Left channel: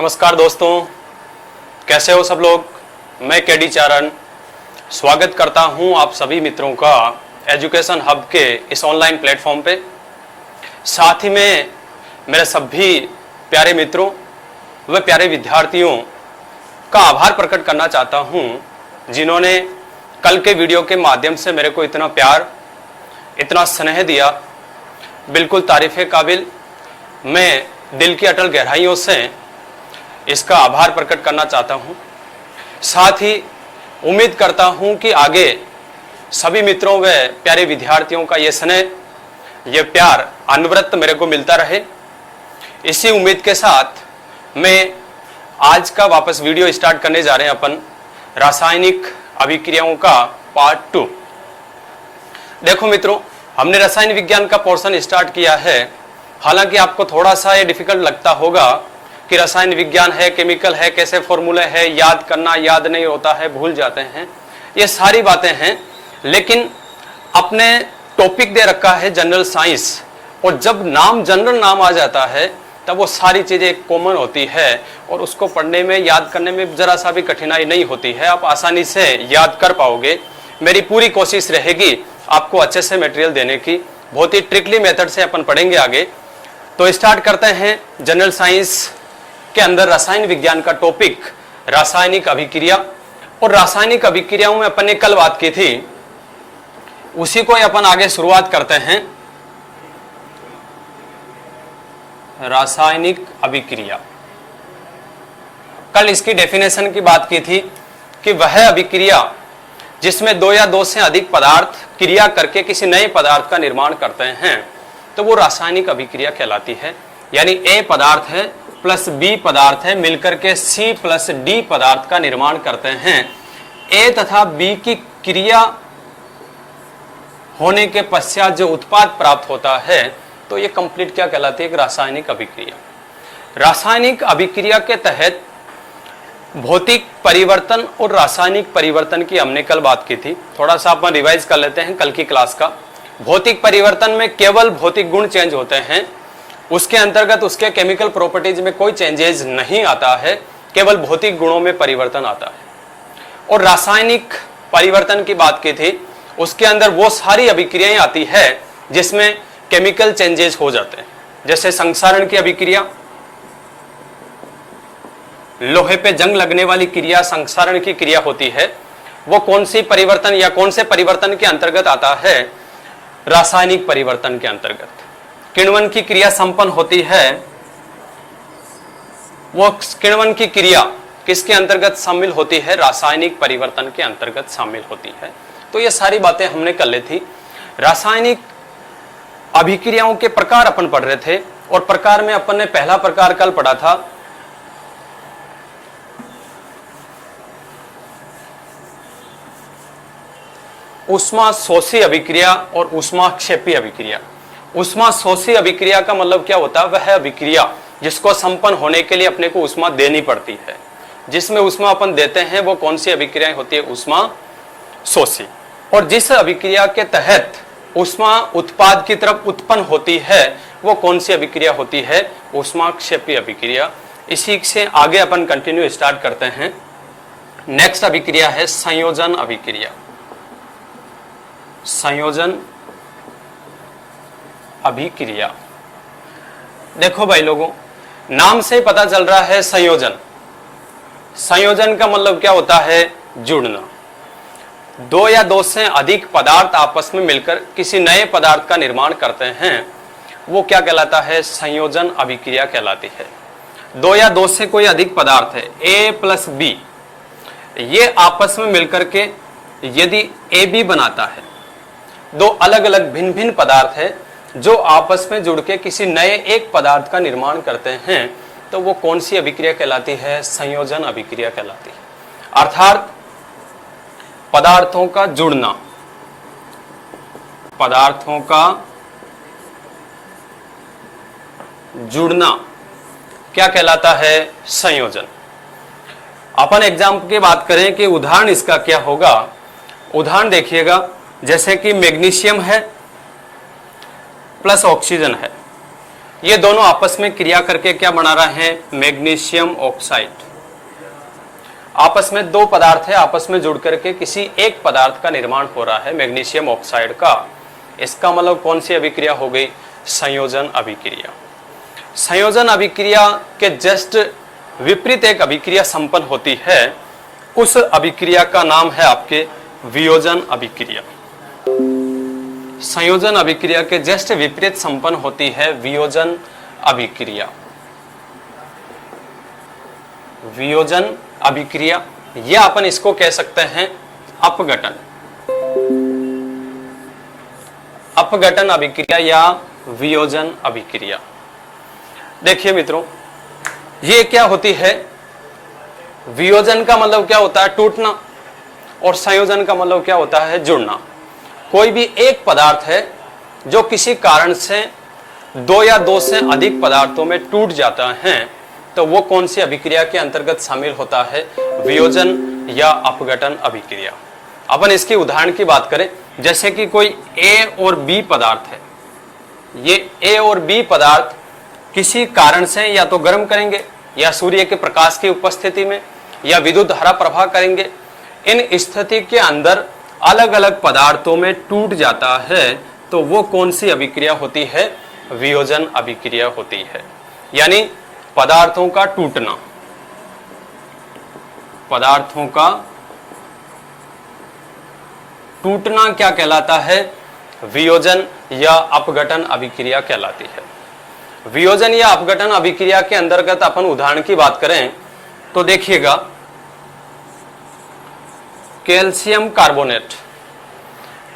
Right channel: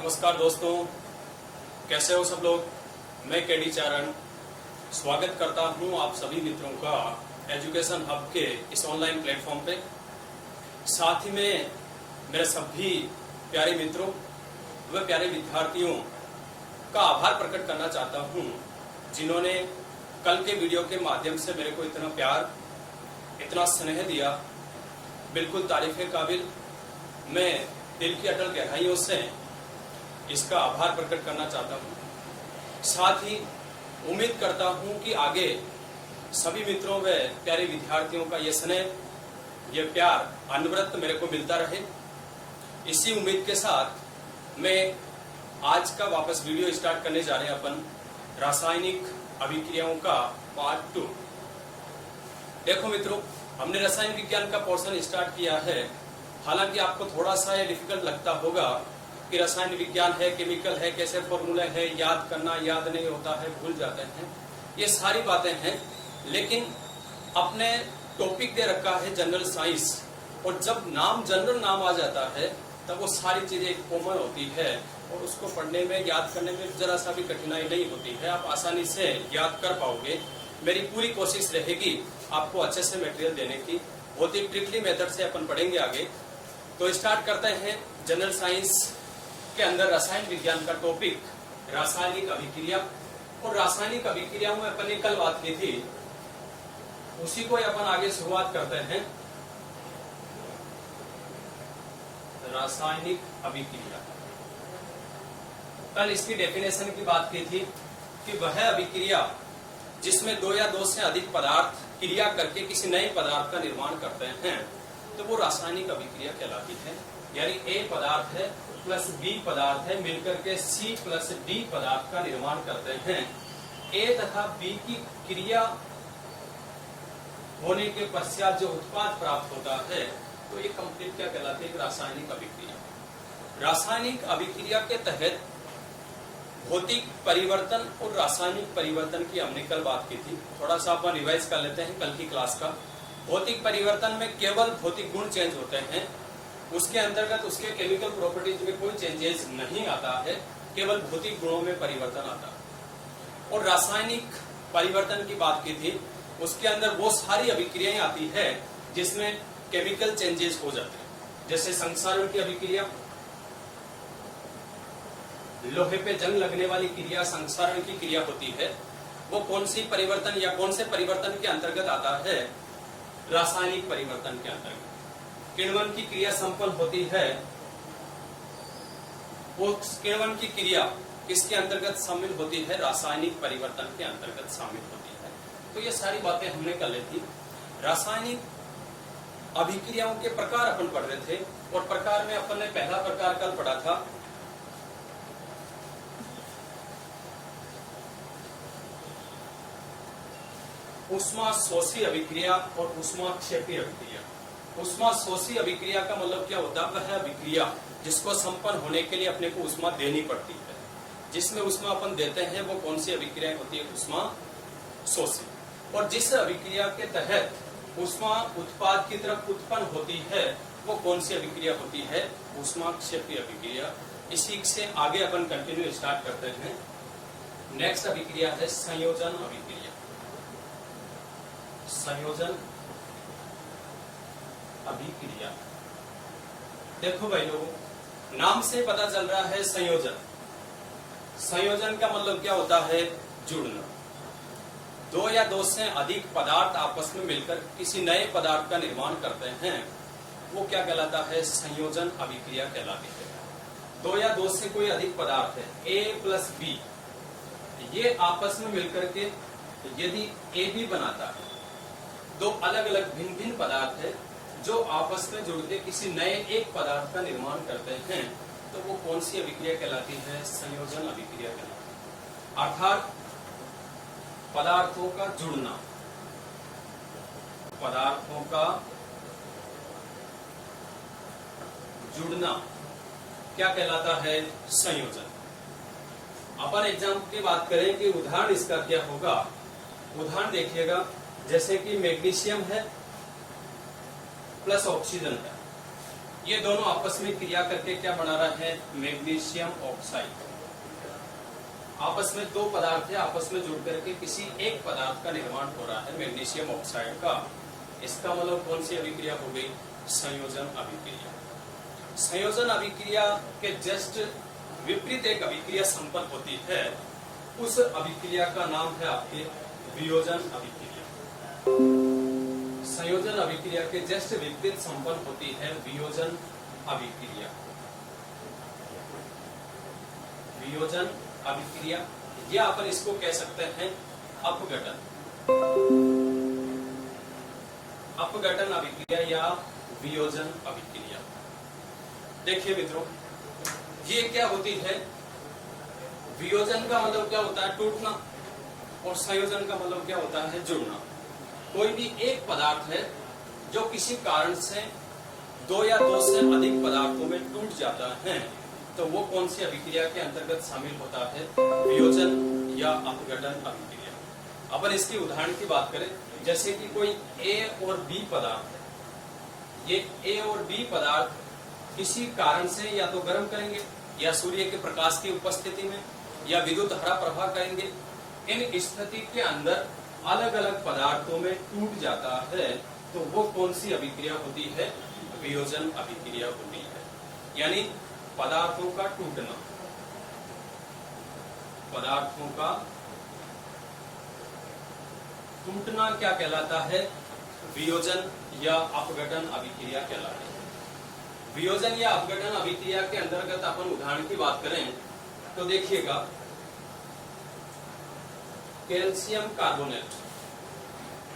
नमस्कार दोस्तों, कैसे हो सब लोग। मैं केडी चारण स्वागत करता हूं आप सभी मित्रों का एजुकेशन हब के इस ऑनलाइन प्लेटफॉर्म पे। साथ ही में मेरे सभी प्यारे मित्रों व प्यारे विद्यार्थियों का आभार प्रकट करना चाहता हूं जिन्होंने कल के वीडियो के माध्यम से मेरे को इतना प्यार, इतना स्नेह दिया। बिल्कुल तारीफ़ काबिल। मैं दिल की अटल गहराइयों से इसका आभार प्रकट करना चाहता हूं। साथ ही उम्मीद करता हूं कि आगे सभी मित्रों व प्यारे विद्यार्थियों का ये स्नेह, ये प्यार अनवरत मेरे को मिलता रहे। इसी उम्मीद के साथ मैं आज का वापस वीडियो स्टार्ट करने जा रहे हैं अपन रासायनिक अभिक्रियाओं का पार्ट 2। देखो मित्रों, हमने रसायन विज्ञान का पोर्शन स्टार्ट किया है। हालांकि आपको थोड़ा सा ये डिफिकल्ट लगता होगा कि रसायन विज्ञान है, केमिकल है, कैसे फॉर्मूले है, याद करना, याद नहीं होता है, भूल जाते हैं, ये सारी बातें हैं। लेकिन अपने टॉपिक दे रखा है जनरल साइंस, और जब जनरल नाम आ जाता है तब वो सारी चीज़ें कॉमन होती है और उसको पढ़ने में, याद करने में ज़रा सा भी कठिनाई नहीं होती है। आप आसानी से याद कर पाओगे। मेरी पूरी कोशिश रहेगी आपको अच्छे से मटेरियल देने की। बहुत ही ट्रिकली मेथड से अपन पढ़ेंगे आगे। तो स्टार्ट करते हैं जनरल साइंस के अंदर रसायन विज्ञान का टॉपिक रासायनिक अभिक्रिया। और रासायनिक अभिक्रियाओं में अपन ने कल बात की थी, उसी को अपन आगे शुरुआत करते हैं। रासायनिक अभिक्रिया, कल इसकी डेफिनेशन की बात की थी कि वह अभिक्रिया जिसमें दो या दो से अधिक पदार्थ क्रिया करके किसी नए पदार्थ का निर्माण करते हैं तो वो रासायनिक अभिक्रिया कहलाती है। यानी ए पदार्थ है प्लस बी पदार्थ है, मिलकर के सी प्लस डी पदार्थ का निर्माण करते हैं। ए तथा बी की क्रिया होने के पश्चात जो उत्पाद प्राप्त होता है तो ये कंप्लीट क्या कहलाती है? एक रासायनिक अभिक्रिया। रासायनिक अभिक्रिया के तहत भौतिक परिवर्तन और रासायनिक परिवर्तन की हमने कल बात की थी। थोड़ा सा अपन रिवाइज कर लेते हैं कल की क्लास का। भौतिक परिवर्तन में केवल भौतिक गुण चेंज होते हैं, उसके अंतर्गत उसके केमिकल प्रॉपर्टीज में कोई चेंजेस नहीं आता है, केवल भौतिक गुणों में परिवर्तन आता है। और रासायनिक परिवर्तन की बात की थी, उसके अंदर वो सारी अभिक्रियाएं आती है जिसमें केमिकल चेंजेस हो जाते हैं। जैसे संक्षारण की अभिक्रिया, लोहे पे जंग लगने वाली क्रिया संक्षारण की क्रिया होती है। वो कौन सी परिवर्तन या कौन से परिवर्तन के अंतर्गत आता है? रासायनिक परिवर्तन के अंतर्गत। किण्वन की क्रिया संपन्न होती है, वो किण्वन की क्रिया किसके अंतर्गत शामिल होती है? रासायनिक परिवर्तन के अंतर्गत शामिल होती है। तो ये सारी बातें हमने कर ली थी। रासायनिक अभिक्रियाओं के प्रकार अपन पढ़ रहे थे, और प्रकार में अपन ने पहला प्रकार कल पढ़ा था ऊष्मा शोषी अभिक्रिया और ऊष्माक्षेपी अभिक्रिया। ऊष्मा शोषी अभिक्रिया का मतलब क्या होता है? वह अभिक्रिया जिसको संपन्न होने के लिए अपने को ऊष्मा देनी पड़ती है। जिसमें ऊष्मा अपन देते हैं वो कौन सी अभिक्रियाएं होती है? ऊष्मा शोषी। और जिस अभिक्रिया के तहत ऊष्मा उत्पाद की तरफ उत्पन्न होती है वो कौन सी अभिक्रिया होती है? ऊष्माक्षेपी अभिक्रिया। इसी से आगे अपन कंटिन्यू स्टार्ट करते हैं। नेक्स्ट अभिक्रिया है संयोजन अभिक्रिया। संयोजन अभिक्रिया, देखो भाई लोगों, नाम से पता चल रहा है संयोजन। संयोजन का मतलब क्या होता है? जुड़ना। दो या दो से अधिक पदार्थ आपस में मिलकर किसी नए पदार्थ का निर्माण करते हैं, वो क्या कहलाता है? संयोजन अभिक्रिया कहलाती है। दो या दो से कोई अधिक पदार्थ है, ए प्लस बी, ये आपस में मिलकर के यदि ए बी बनाता है, दो अलग अलग भिन्न भिन्न पदार्थ है जो आपस में जुड़ के किसी नए एक पदार्थ का निर्माण करते हैं, तो वो कौन सी अभिक्रिया कहलाती है? संयोजन अभिक्रिया कहलाती है। अर्थात पदार्थों का जुड़ना, पदार्थों का जुड़ना क्या कहलाता है? संयोजन। अपन एग्जाम्पल की बात करें कि उदाहरण इसका क्या होगा। उदाहरण देखिएगा, जैसे कि मैग्नीशियम है प्लस ऑक्सीजन है, ये दोनों आपस में क्रिया करके क्या बना रहे हैं, मैग्नीशियम ऑक्साइड। आपस में दो पदार्थ है, आपस में जुड़ करके किसी एक पदार्थ का निर्माण हो रहा है, मैग्नीशियम ऑक्साइड का। इसका मतलब कौन सी अभिक्रिया हो गई, संयोजन अभिक्रिया। संयोजन अभिक्रिया के जस्ट विपरीत एक अभिक्रिया संपन्न होती है, उस अभिक्रिया का नाम है आपके वियोजन अभिक्रिया। संयोजन अभिक्रिया के जस्ट विपरीत संपन्न होती है वियोजन अभिक्रिया। वियोजन अभिक्रिया, या अपन इसको कह सकते हैं अपघटन। अपघटन अभिक्रिया या वियोजन अभिक्रिया। देखिए मित्रों, ये क्या होती है, वियोजन का मतलब क्या होता है, टूटना, और संयोजन का मतलब क्या होता है, जुड़ना। कोई भी एक पदार्थ है जो किसी कारण से दो या दो से अधिक पदार्थों में टूट जाता है, तो वो कौन सी अभिक्रिया के अंतर्गत शामिल होता है, वियोजन या अपघटन अभिक्रिया। अपन इसकी उदाहरण की बात करें, जैसे कि कोई ए और बी पदार्थ है। ये ए और बी पदार्थ किसी कारण से या तो गर्म करेंगे, या सूर्य के प्रकाश की उपस्थिति में, या विद्युत धारा प्रवाह करेंगे। इन स्थिति के अंदर अलग अलग पदार्थों में टूट जाता है, तो वो कौन सी अभिक्रिया होती है, वियोजन अभिक्रिया होती है। यानी पदार्थों का टूटना, पदार्थों का टूटना क्या कहलाता है, वियोजन या अपघटन अभिक्रिया कहलाती है। वियोजन या अपघटन अभिक्रिया के अंतर्गत अपन उदाहरण की बात करें तो देखिएगा, कैल्शियम कार्बोनेट।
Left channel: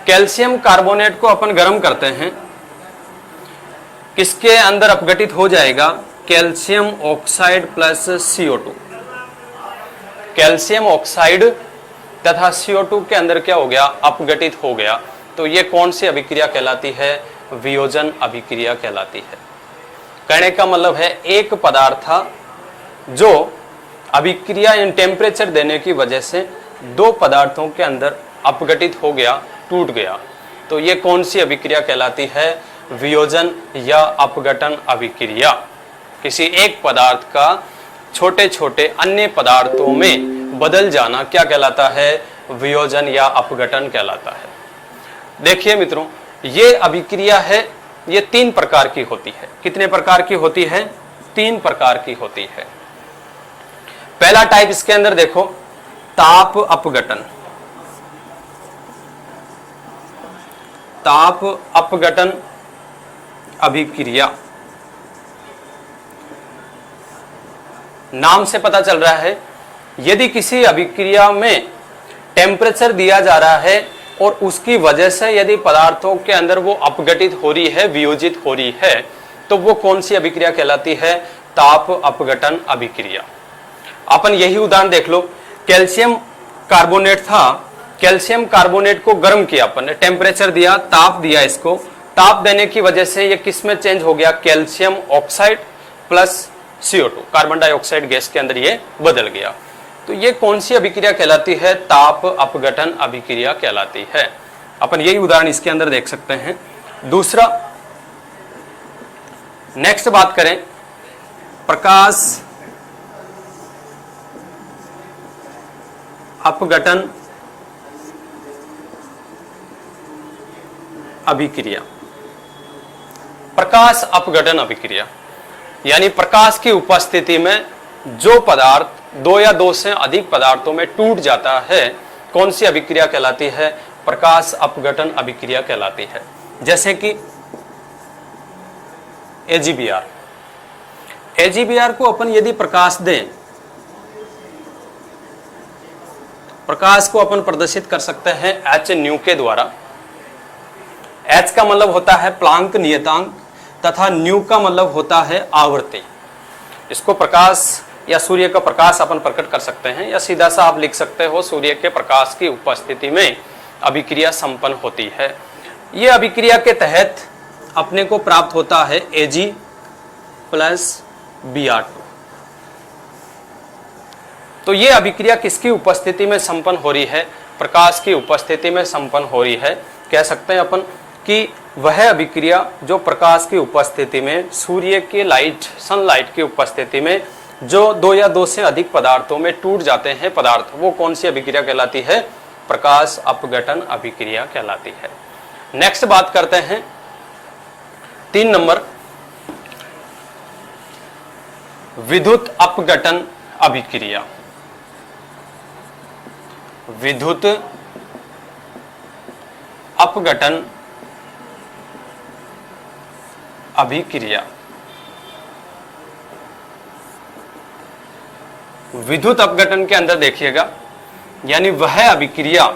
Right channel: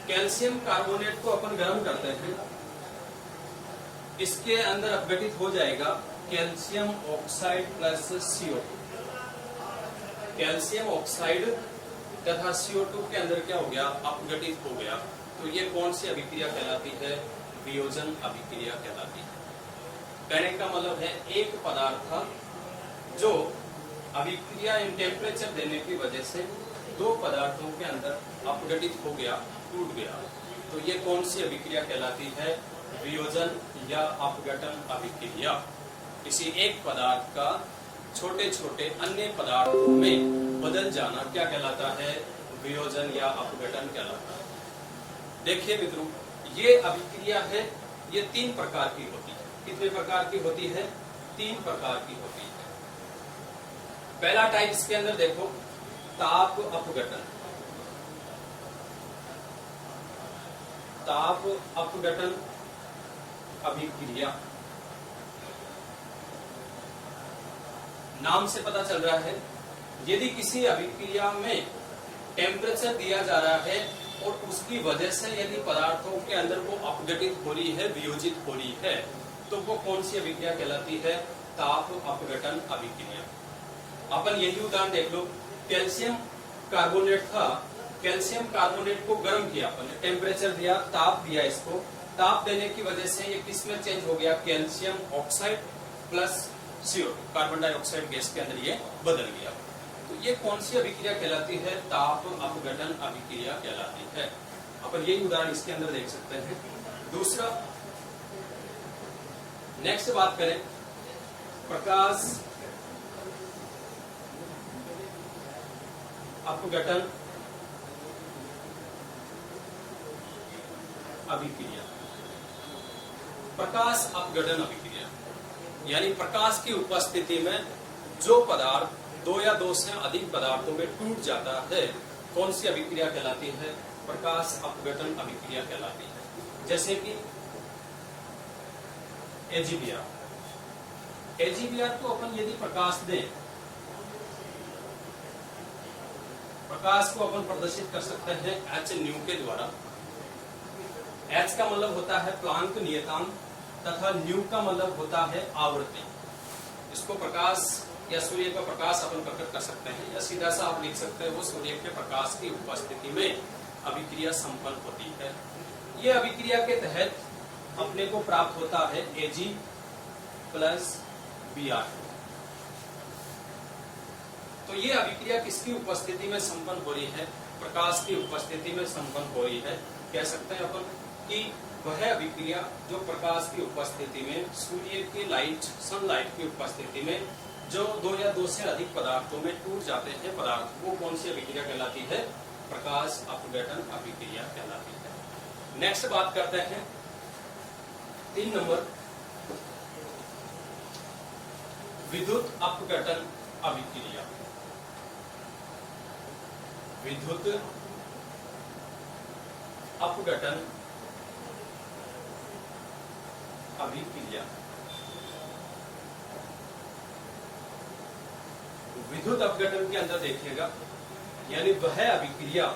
कैल्शियम कार्बोनेट को अपन गर्म करते हैं, किसके अंदर अपघटित हो जाएगा, calcium oxide plus CO2। Calcium oxide तथा CO2 के अंदर क्या हो गया, अपघटित हो गया। तो ये कौन सी अभिक्रिया कहलाती है, वियोजन अभिक्रिया कहलाती है। कहने का मतलब है एक पदार्थ था जो अभिक्रिया इन टेम्परेचर देने की वजह से दो पदार्थों के अंदर अपघटित हो गया, टूट गया। तो ये कौन सी अभिक्रिया कहलाती है, वियोजन या अपघटन अभिक्रिया। किसी एक पदार्थ का छोटे छोटे अन्य पदार्थों में बदल जाना क्या कहलाता है, वियोजन या अपघटन कहलाता है। देखिए मित्रों, ये अभिक्रिया है, ये तीन प्रकार की होती है। कितने प्रकार की होती है, तीन प्रकार की होती है। पहला टाइप इसके अंदर देखो, ताप अपघटन। ताप अपघटन अभिक्रिया। नाम से पता चल रहा है, यदि किसी अभिक्रिया में टेम्परेचर दिया जा रहा है और उसकी वजह से यदि पदार्थों के अंदर वो अपघटित हो रही है, वियोजित हो रही है, तो वो कौन सी अभिक्रिया कहलाती है, ताप अपघटन अभिक्रिया। अपन यही उदाहरण देख लो, कैल्शियम कार्बोनेट था, कैल्शियम कार्बोनेट को गर्म किया अपन ने, टेम्परेचर दिया, ताप दिया इसको, ताप देने की वजह से ये किस में चेंज हो गया, calcium oxide plus CO2, carbon dioxide gas के अंदर ये बदल गया। तो ये कौन सी अभिक्रिया कहलाती है, ताप अपघटन अभिक्रिया कहलाती है। अपन यही उदाहरण इसके अंदर देख सकते हैं। दूसरा, नेक्स्ट बात करें, प्रकाश अपघटन अभिक्रिया। प्रकाश अपघटन अभिक्रिया यानी प्रकाश की उपस्थिति में जो पदार्थ दो या दो से अधिक पदार्थों में टूट जाता है, कौन सी अभिक्रिया कहलाती है, प्रकाश अपघटन अभिक्रिया कहलाती है। जैसे कि AgBr। AgBr को अपन यदि प्रकाश दें, प्रकाश को अपन प्रदर्शित कर सकते हैं H के द्वारा। H का मतलब होता है प्लांक नियतांक तथा न्यू का मतलब होता है आवृत्ति। इसको प्रकाश या सूर्य का प्रकाश अपन प्रकट कर सकते हैं, या सीधा सा आप लिख सकते हो, सूर्य के प्रकाश की उपस्थिति में अभिक्रिया संपन्न होती है। ये अभिक्रिया के तहत अपने को प्राप्त होता है Ag प्लस Br2। तो ये अभिक्रिया किसकी उपस्थिति में संपन्न हो रही है, प्रकाश की उपस्थिति में संपन्न हो रही है। कह सकते हैं अपन कि वह अभिक्रिया जो प्रकाश की उपस्थिति में, सूर्य के लाइट, सनलाइट की उपस्थिति में जो दो या दो से अधिक पदार्थों में टूट जाते हैं पदार्थ, वो कौन सी अभिक्रिया कहलाती है? प्रकाश अपघटन अभिक्रिया कहलाती है। नेक्स्ट बात करते हैं 3 नंबर, विद्युत अपघटन अभिक्रिया। विद्युत अपघटन अभिक्रिया। विद्युत अपघटन के अंदर देखिएगा, यानी वह अभिक्रिया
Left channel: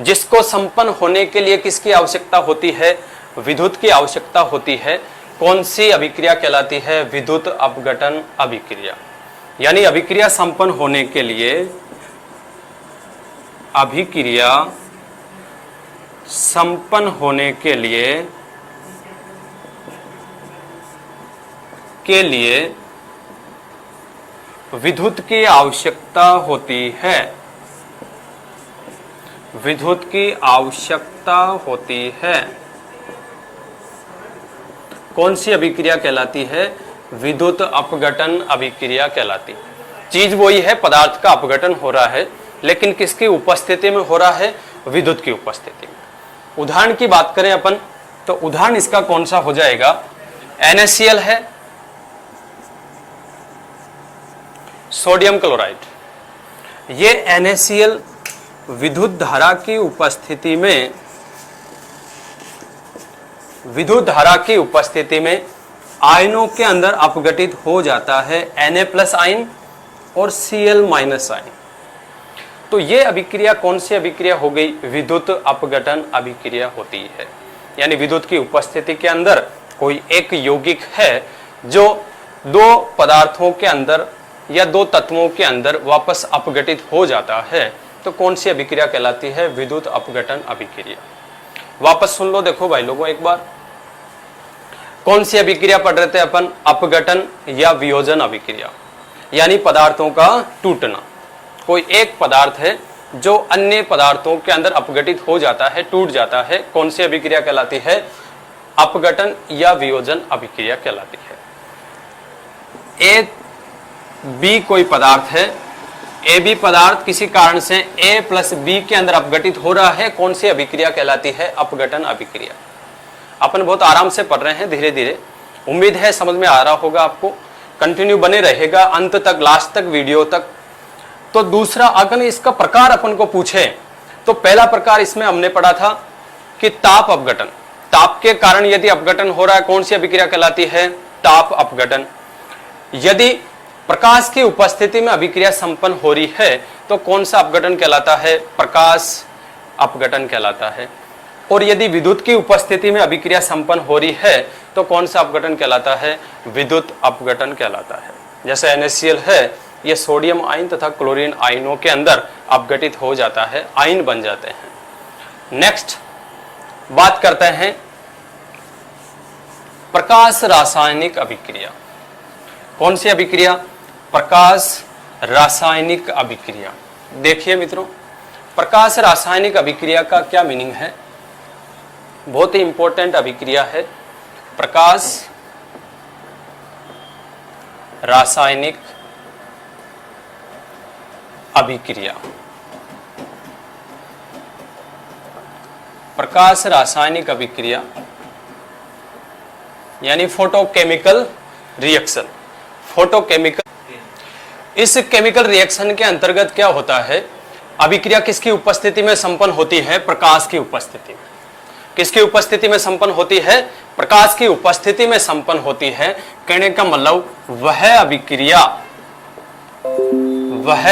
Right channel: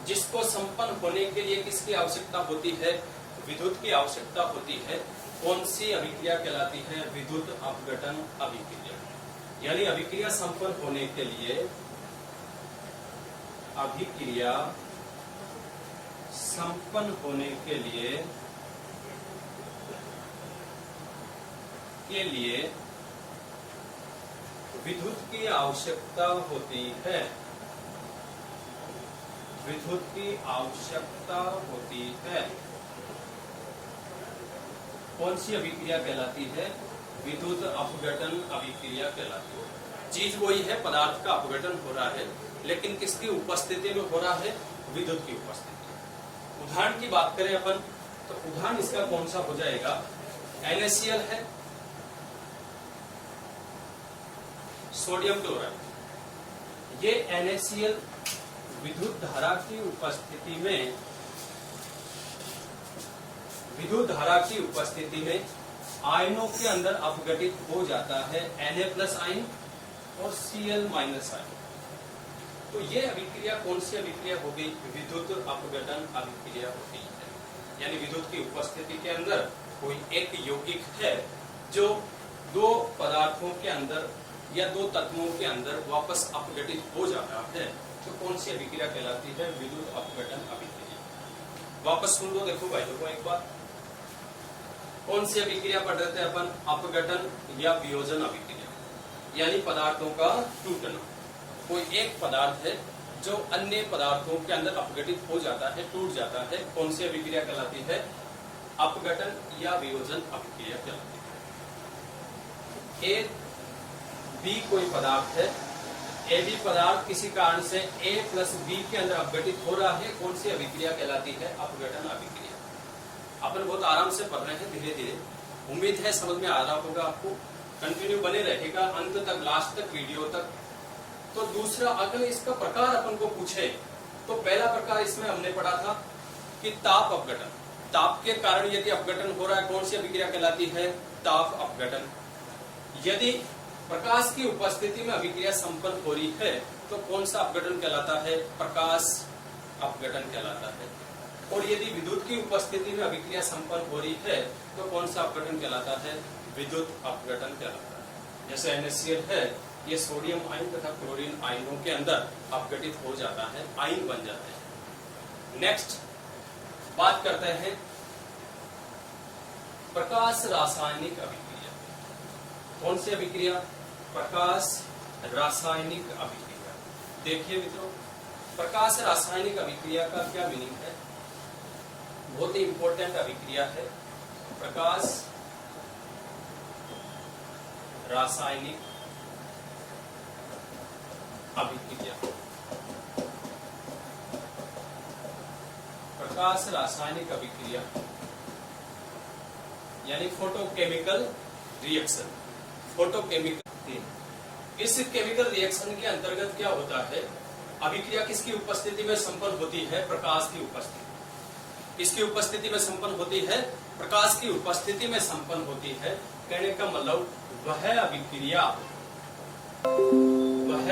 जिसको संपन्न होने के लिए किसकी आवश्यकता होती है? विद्युत की आवश्यकता होती है। कौन सी अभिक्रिया कहलाती है? विद्युत अपघटन अभिक्रिया। यानी अभिक्रिया संपन्न होने के लिए, अभिक्रिया संपन्न होने के लिए विद्युत की आवश्यकता होती है। विद्युत की आवश्यकता होती है। कौन सी अभिक्रिया कहलाती है? विद्युत अपघटन अभिक्रिया कहलाती है। चीज वही है, पदार्थ का अपघटन हो रहा है, लेकिन किसकी उपस्थिति में हो रहा है? विद्युत की उपस्थिति में। उदाहरण की बात करें अपन, तो उदाहरण इसका कौन सा हो जाएगा? NaCl है, सोडियम क्लोराइड। ये NaCl विद्युत धारा की उपस्थिति में, विद्युत धारा की उपस्थिति में आयनों के अंदर अपघटित हो जाता है, Na+ आयन और Cl- आयन। तो ये अभिक्रिया कौन सी अभिक्रिया हो गई? विद्युत अपघटन अभिक्रिया होती है। यानी विद्युत की उपस्थिति के अंदर कोई एक यौगिक है जो दो पदार्थों के अंदर या दो तत्वों के अंदर वापस अपघटित हो जाता है, तो कौन सी अभिक्रिया कहलाती है? विद्युत अपघटन अभिक्रिया। वापस सुन लो, देखो भाई लोगों एक बार, कौन सी अभिक्रिया पढ़ रहे थे अपन? अपघटन या वियोजन अभिक्रिया, यानी पदार्थों का टूटना। कोई एक पदार्थ है जो अन्य पदार्थों के अंदर अपघटित हो जाता है, टूट जाता है, कौन सी अभिक्रिया कहलाती है? अपघटन या वियोजन अभिक्रिया कहलाती है। ए बी कोई पदार्थ है, ए बी पदार्थ किसी कारण से A+ B के अंदर अपघटित हो रहा है, कौन सी अभिक्रिया कहलाती है? अपघटन अभिक्रिया। अपन बहुत आराम से पढ़ रहे हैं, धीरे धीरे, उम्मीद है समझ में आ रहा होगा आपको। कंटिन्यू बने रहेगा अंत तक, लास्ट तक, वीडियो तक। तो दूसरा, अगर इसका प्रकार अपन को पूछे, तो पहला प्रकार इसमें हमने पढ़ा था कि ताप अपघटन। ताप के कारण यदि अपघटन हो रहा है, कौन सी अभिक्रिया कहलाती है? ताप अपघटन। यदि प्रकाश की उपस्थिति में अभिक्रिया संपन्न हो रही है, तो कौन सा अपघटन कहलाता है? प्रकाश अपघटन कहलाता है। और यदि विद्युत की उपस्थिति में अभिक्रिया संपन्न हो रही है, तो कौन सा अपघटन कहलाता है? विद्युत अपघटन कहलाता है। जैसे NaCl है, ये सोडियम आयन तथा क्लोरीन आयनों के अंदर अपघटित हो जाता है, आयन बन जाते हैं। नेक्स्ट बात करते हैं प्रकाश रासायनिक अभिक्रिया। कौन सी अभिक्रिया? प्रकाश रासायनिक अभिक्रिया। देखिए मित्रों, प्रकाश रासायनिक अभिक्रिया का क्या मीनिंग है? बहुत ही इंपॉर्टेंट अभिक्रिया है प्रकाश रासायनिक अभिक्रिया। प्रकाश रासायनिक अभिक्रिया यानी फोटोकेमिकल रिएक्शन। फोटोकेमिकल, इस केमिकल रिएक्शन के अंतर्गत क्या होता है? अभिक्रिया किसकी उपस्थिति में संपन्न होती है? प्रकाश की उपस्थिति में। किसकी उपस्थिति में संपन्न होती है? प्रकाश की उपस्थिति में संपन्न होती है। कहने का मतलब वह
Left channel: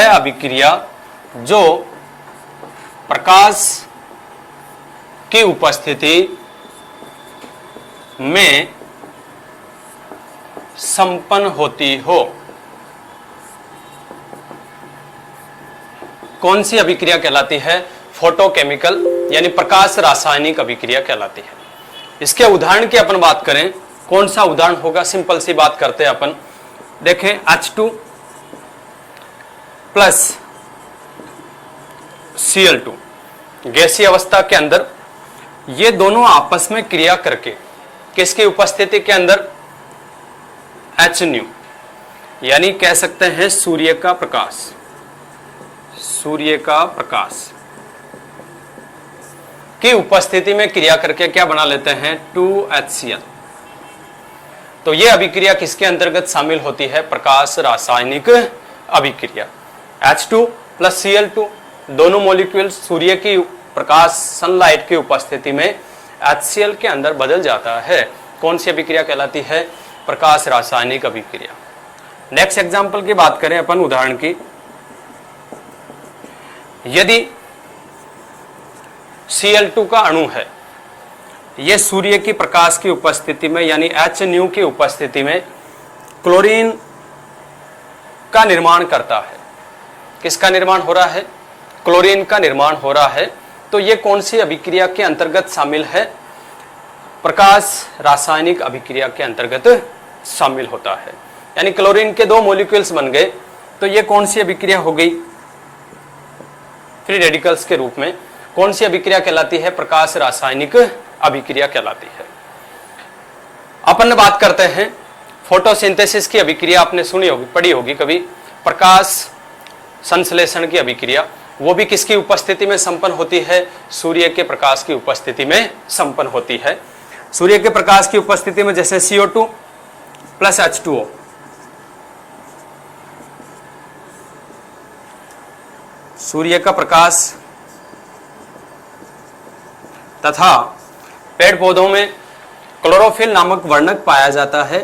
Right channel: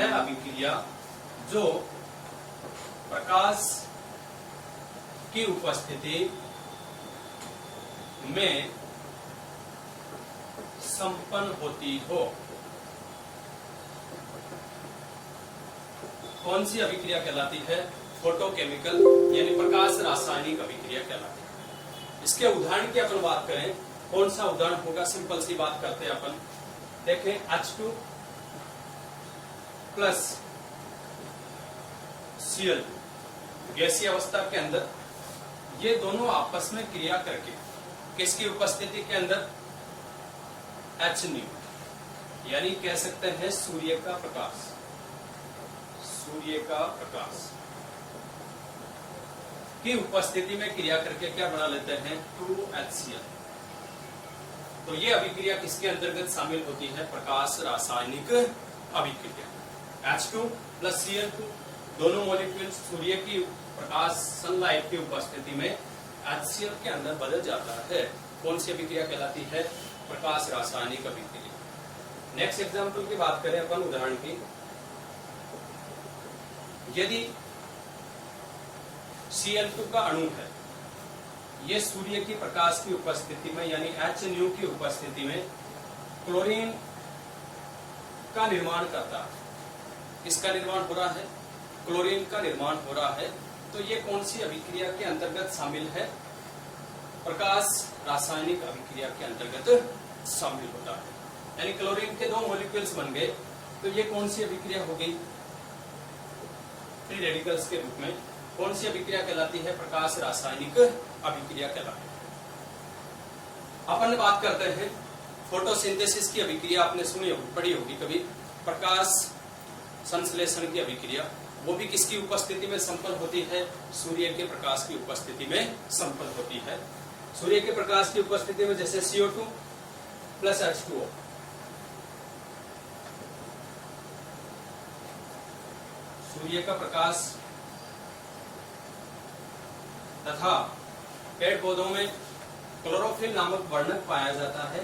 अभिक्रिया जो प्रकाश की उपस्थिति में संपन्न होती हो, कौन सी अभिक्रिया कहलाती है? फोटोकेमिकल यानी प्रकाश रासायनिक अभिक्रिया कहलाती है। इसके उदाहरण की अपन बात करें, कौन सा उदाहरण होगा? सिंपल सी बात करते हैं अपन। देखें, H2 प्लस Cl2 गैसीय अवस्था के अंदर ये दोनों आपस में क्रिया करके किसकी उपस्थिति के अंदर, एच न्यू, यानी कह सकते हैं सूर्य का प्रकाश, सूर्य का प्रकाश की उपस्थिति में क्रिया करके क्या बना लेते हैं, 2HCl। तो ये अभिक्रिया किसके अंतर्गत शामिल होती है, प्रकाश रासायनिक अभिक्रिया। H2 प्लस Cl2 दोनों मॉलिक्यूल सूर्य की प्रकाश, सनलाइट की उपस्थिति में HCl के अंदर बदल जाता है। कौन सी अभिक्रिया कहलाती है, प्रकाश रासायनिक अभिक्रिया। नेक्स्ट एग्जांपल की बात करें अपन, उदाहरण की, यदि Cl2 का अणु है, यह सूर्य की प्रकाश की उपस्थिति में यानी H न्यू की उपस्थिति में क्लोरीन का निर्माण करता है। किसका निर्माण हो रहा है, क्लोरीन का निर्माण हो रहा है। तो यह कौन सी अभिक्रिया के अंतर्गत शामिल है, प्रकाश रासायनिक अभिक्रिया के अंतर्गत शामिल होता है। यानी क्लोरीन के दो मॉलिक्यूल्स बन गए, तो यह कौन सी अभिक्रिया हो गई, फ्री रेडिकल्स के रूप में। कौन सी अभिक्रिया कहलाती है, प्रकाश रासायनिक अभिक्रिया कहलाती है। अपन बात करते हैं फोटोसिंथेसिस की अभिक्रिया, आपने सुनी होगी, पढ़ी होगी कभी, प्रकाश संश्लेषण की अभिक्रिया। वो भी किसकी उपस्थिति में संपन्न होती है, सूर्य के प्रकाश की उपस्थिति में संपन्न होती है। सूर्य के प्रकाश की उपस्थिति में जैसे CO2 प्लस H2O, सूर्य का प्रकाश तथा पेड़ पौधों में क्लोरोफिल नामक वर्णक पाया जाता है।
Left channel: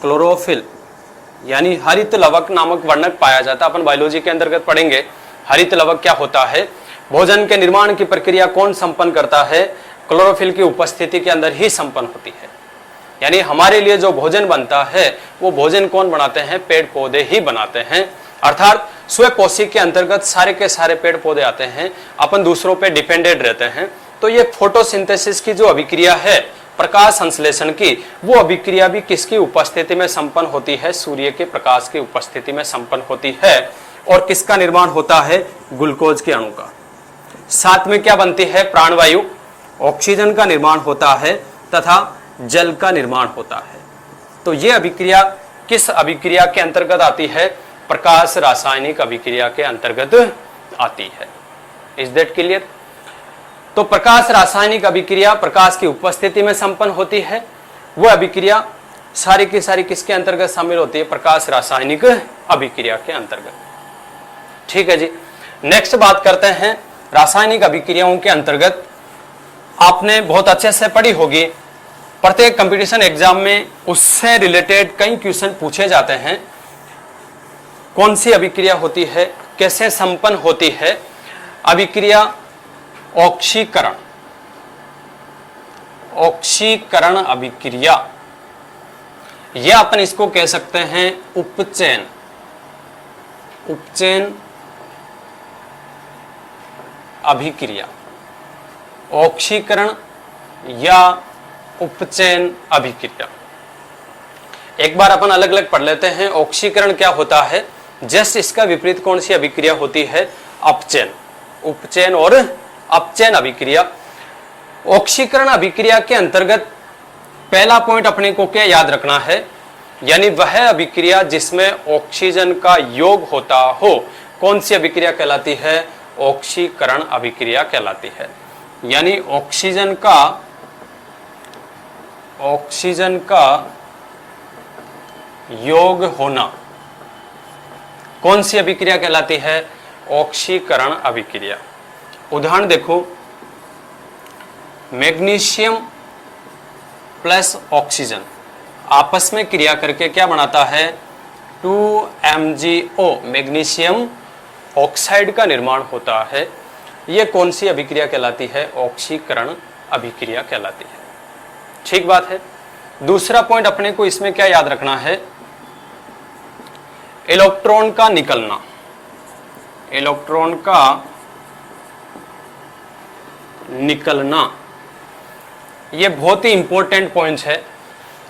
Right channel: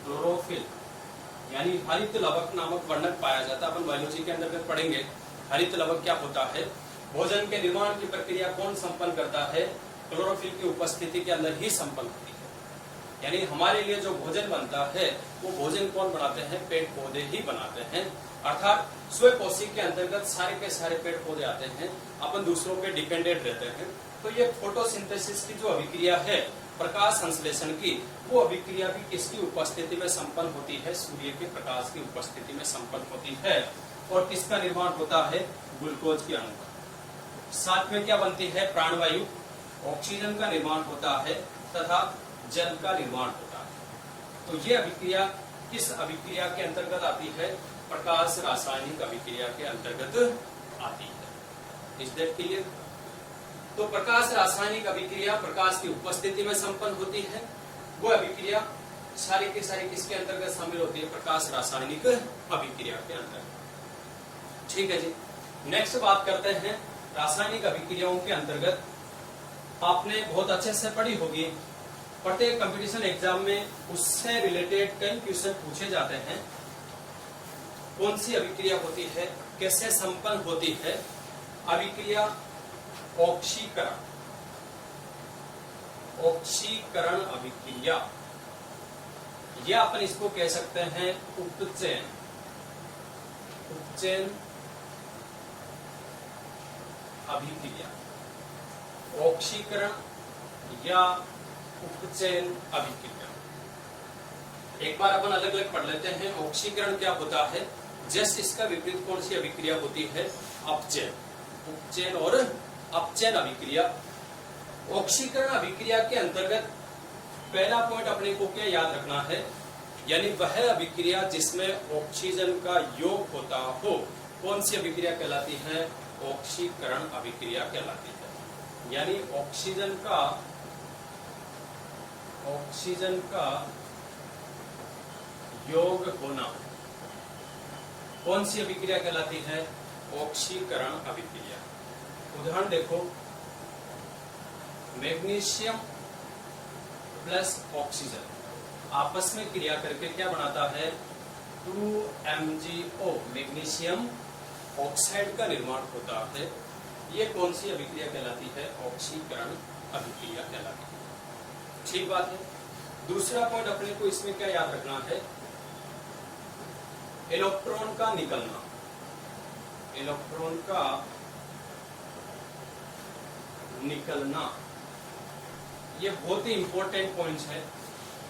क्लोरोफिल यानी हरित लवक नामक वर्णक पाया जाता है। अपन बायोलॉजी के अंतर्गत पढ़ेंगे हरित लवक क्या होता है। भोजन के निर्माण की प्रक्रिया कौन संपन्न करता है, क्लोरोफिल की उपस्थिति के अंदर ही संपन्न होती है। यानी हमारे लिए जो भोजन बनता है वो भोजन कौन बनाते हैं, पेड़ पौधे ही बनाते हैं। अर्थात स्वपोषी के अंतर्गत सारे के सारे पेड़ पौधे आते हैं, अपन दूसरों पे डिपेंडेंट रहते हैं। तो ये फोटोसिंथेसिस की जो अभिक्रिया है, प्रकाश संश्लेषण की, वो अभिक्रिया भी किसकी उपस्थिति में संपन्न होती है, सूर्य के प्रकाश की उपस्थिति में संपन्न होती है। और किसका निर्माण होता है, ग्लूकोज के अणु का। साथ में क्या बनती है, प्राणवायु, ऑक्सीजन का निर्माण होता है तथा जल का निर्माण होता है। तो ये अभिक्रिया किस अभिक्रिया के अंतर्गत आती है, प्रकाश रासायनिक अभिक्रिया के अंतर्गत आती है। Is that clear. तो प्रकाश रासायनिक अभिक्रिया प्रकाश की उपस्थिति में संपन्न होती है। वह अभिक्रिया सारी की सारी किसके अंतर्गत शामिल होती है, प्रकाश रासायनिक अभिक्रिया के अंतर्गत। ठीक है जी। नेक्स्ट बात करते हैं रासायनिक अभिक्रियाओं के अंतर्गत। आपने बहुत अच्छे से पढ़ी होगी, प्रत्येक कंपटीशन एग्जाम में उससे रिलेटेड कई क्वेश्चन पूछे जाते हैं। कौन सी अभिक्रिया होती है, कैसे संपन्न होती है अभिक्रिया, ऑक्सीकरण, ऑक्सीकरण अभिक्रिया, यह अपन इसको कह सकते हैं उपचयन, उपचयन अभिक्रिया, ऑक्सीकरण या उपचयन अभिक्रिया। एक बार अपन अलग अलग पढ़ लेते हैं। ऑक्सीकरण क्या होता है, जस्ट इसका विपरीत कौन सी अभिक्रिया होती है, अपचयन। उपचयन और अपचयन अभिक्रिया। ऑक्सीकरण अभिक्रिया के अंतर्गत पहला पॉइंट अपने को क्या याद रखना है, यानी वह अभिक्रिया जिसमें ऑक्सीजन का योग होता हो, कौन सी अभिक्रिया कहलाती है, ऑक्सीकरण अभिक्रिया कहलाती है। यानी ऑक्सीजन का योग होना कौन सी अभिक्रिया कहलाती है, ऑक्सीकरण अभिक्रिया। उदाहरण देखो, मैग्नीशियम प्लस ऑक्सीजन आपस में क्रिया करके क्या बनाता है, 2MgO, मैग्नीशियम ऑक्साइड का निर्माण होता है। यह कौन सी अभिक्रिया कहलाती है, ऑक्सीकरण अभिक्रिया कहलाती है। ठीक बात है। दूसरा पॉइंट अपने को इसमें क्या याद रखना है, इलेक्ट्रॉन का निकलना, इलेक्ट्रॉन का निकलना, यह बहुत ही इंपॉर्टेंट पॉइंट है।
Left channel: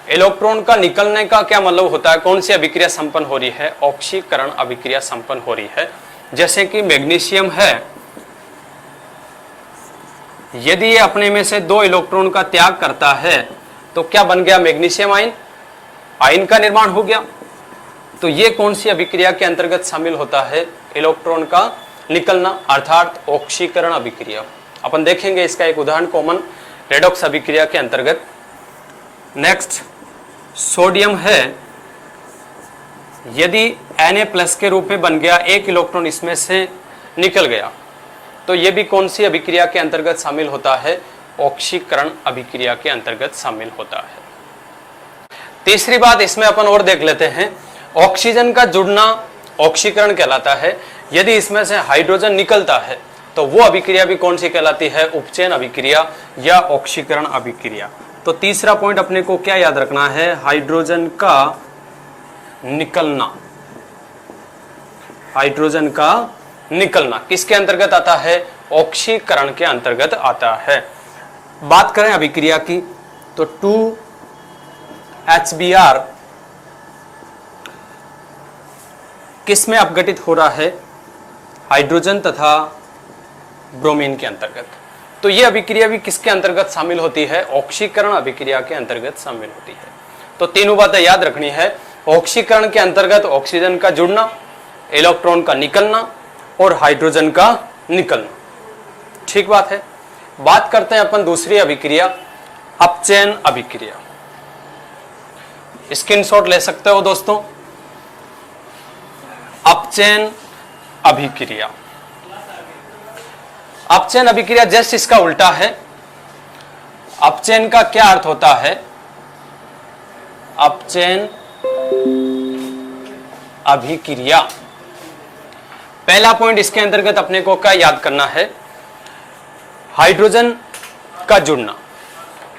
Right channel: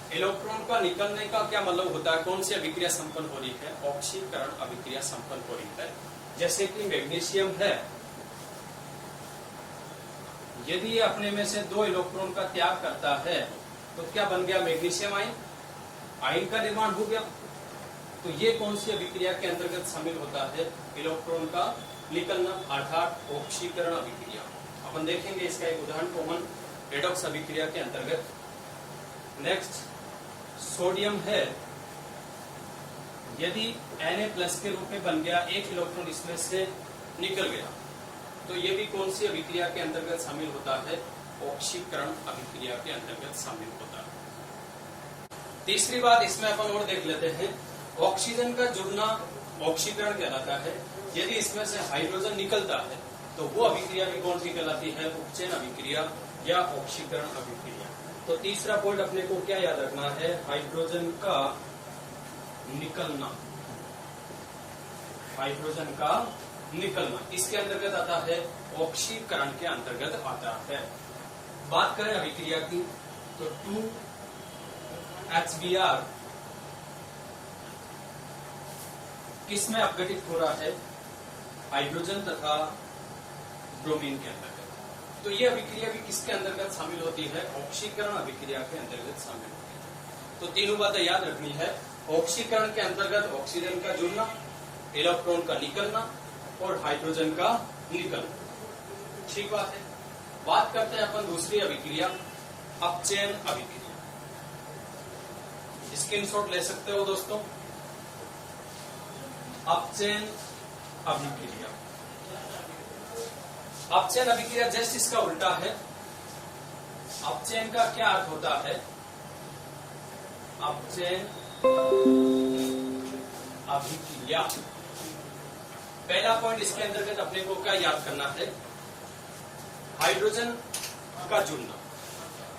इलेक्ट्रॉन का निकलने का क्या मतलब होता है, कौन सी अभिक्रिया संपन्न हो रही है, ऑक्सीकरण अभिक्रिया संपन्न हो रही है। जैसे कि मैग्नीशियम है, यदि ये अपने में से 2 इलेक्ट्रॉन का त्याग करता है तो क्या बन गया? मैग्नीशियम आयन, आयन का निर्माण हो गया। तो ये कौन सी अभिक्रिया के अंतर्गत शामिल होता है? इलेक्ट्रॉन का निकलना, अर्थात ऑक्सीकरण अभिक्रिया। अपन देखेंगे इसका एक उदाहरण कॉमन रेडॉक्स अभिक्रिया के अंतर्गत। नेक्स्ट सोडियम है, यदि Na+ के रूप में बन गया, 1 इलेक्ट्रॉन इसमें से निकल गया, तो ये भी कौन सी अभिक्रिया के अंतर्गत शामिल होता है? ऑक्सीकरण अभिक्रिया के अंतर्गत शामिल होता है। तीसरी बात इसमें अपन और देख लेते हैं, ऑक्सीजन का जुड़ना ऑक्सीकरण कहलाता है। यदि इसमें से हाइड्रोजन निकलता है तो वो अभिक्रिया भी कौन सी कहलाती है? उपचयन अभिक्रिया या ऑक्सीकरण अभिक्रिया। तो तीसरा पॉइंट अपने को क्या याद रखना है? हाइड्रोजन का निकलना। हाइड्रोजन का निकलना किसके अंतर्गत आता है? ऑक्सीकरण के अंतर्गत आता है। बात करें अभिक्रिया की तो 2HBr किस में अपघटित हो रहा है? हाइड्रोजन तथा ब्रोमीन के अंतर्गत। तो यह अभिक्रिया भी किसके अंतर्गत शामिल होती है? ऑक्सीकरण अभिक्रिया के अंतर्गत शामिल होती है। तो तीनों बातें याद रखनी है, ऑक्सीकरण के अंतर्गत ऑक्सीजन का जुड़ना, इलेक्ट्रॉन का निकलना और हाइड्रोजन का निकलना। ठीक बात है। बात करते हैं अपन दूसरी अभिक्रिया, अपचयन अभिक्रिया। स्क्रीनशॉट ले सकते हो दोस्तों। अपचयन अभिक्रिया, अपचयन अभिक्रिया जस्ट इसका उल्टा है। अपचयन का क्या अर्थ होता है? अपचयन अभिक्रिया, पहला पॉइंट इसके अंतर्गत अपने को क्या याद करना है? हाइड्रोजन का जुड़ना,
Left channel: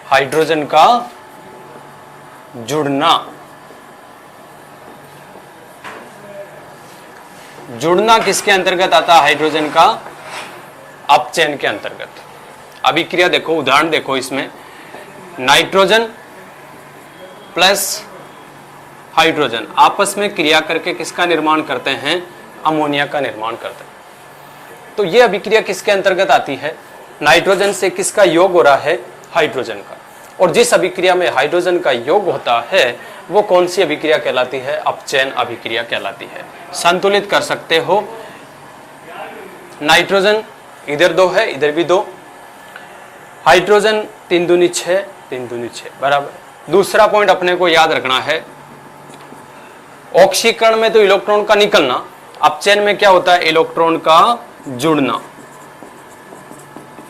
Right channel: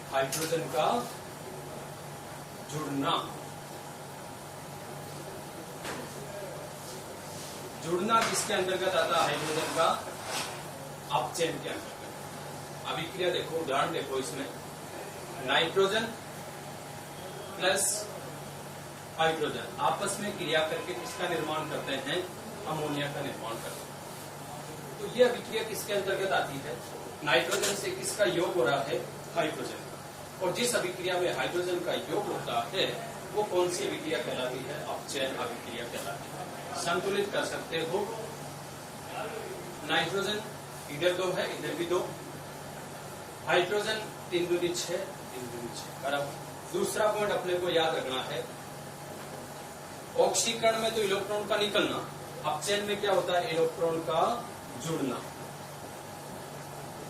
हाइड्रोजन का जुड़ना, जुड़ना किसके अंतर्गत आता है? हाइड्रोजन का अपचयन के अंतर्गत। अभिक्रिया देखो, उदाहरण देखो, इसमें नाइट्रोजन प्लस हाइड्रोजन आपस में क्रिया करके किसका निर्माण करते हैं? अमोनिया का निर्माण करते हैं। तो यह अभिक्रिया किसके अंतर्गत आती है? नाइट्रोजन से किसका योग हो रहा है? हाइड्रोजन का। और जिस अभिक्रिया में हाइड्रोजन का योग होता है वो कौन सी अभिक्रिया कहलाती है? अपचयन अभिक्रिया कहलाती है। संतुलित कर सकते हो, नाइट्रोजन इधर 2 है, इधर भी 2, हाइड्रोजन 3 दूनी 6, 3 दूनी 6 बराबर। दूसरा पॉइंट अपने को याद रखना है, ऑक्सीकरण में तो इलेक्ट्रॉन का निकलना, अपचयन में क्या होता है? इलेक्ट्रॉन का जुड़ना,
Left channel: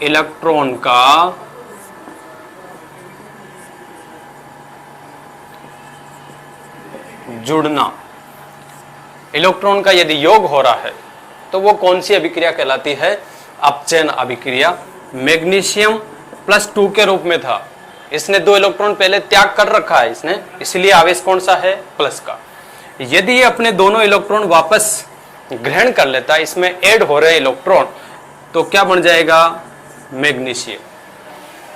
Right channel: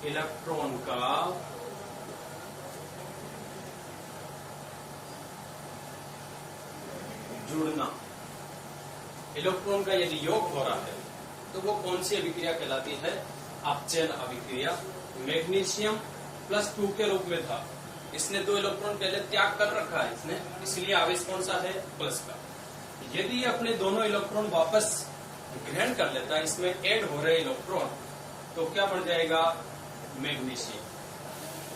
इलेक्ट्रॉन का जुड़ना, इलेक्ट्रॉन का यदि योग हो रहा है तो वो कौन सी अभिक्रिया कहलाती है? अपचयन अभिक्रिया। मैग्नीशियम +2 के रूप में था, इसने 2 इलेक्ट्रॉन पहले त्याग कर रखा है इसने, इसलिए आवेश कौन सा है? प्लस का। यदि ये अपने दोनों इलेक्ट्रॉन वापस ग्रहण कर लेता है, इसमें ऐड हो रहे इलेक्ट्रॉन, तो क्या बन जाएगा? मैग्नीशियम।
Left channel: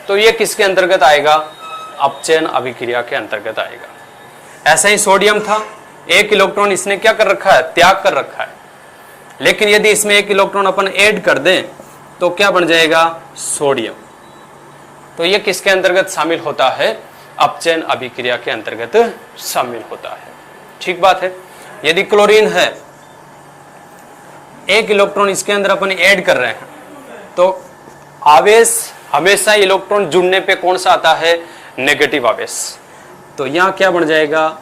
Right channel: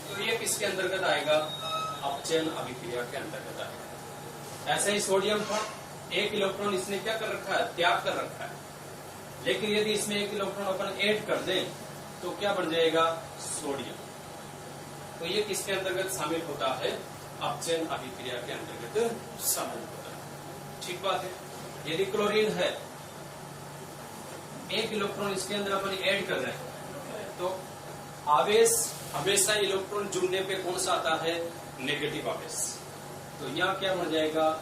तो ये किसके अंतर्गत आएगा? अपचयन अभिक्रिया के अंतर्गत आएगा। ऐसा ही सोडियम था, 1 इलेक्ट्रॉन इसने क्या कर रखा है? त्याग कर रखा है। लेकिन यदि इसमें 1 इलेक्ट्रॉन अपन ऐड कर दें तो क्या बन जाएगा? सोडियम। तो ये किसके अंतर्गत शामिल होता है? अपचयन अभिक्रिया के अंतर्गत शामिल होता है। ठीक बात है। यदि क्लोरीन है, 1 इलेक्ट्रॉन इसके अंदर अपन ऐड कर रहे हैं तो आवेश हमेशा इलेक्ट्रॉन जुड़ने पे कौन सा आता है? नेगेटिव आवेश। तो यहां क्या बन जाएगा?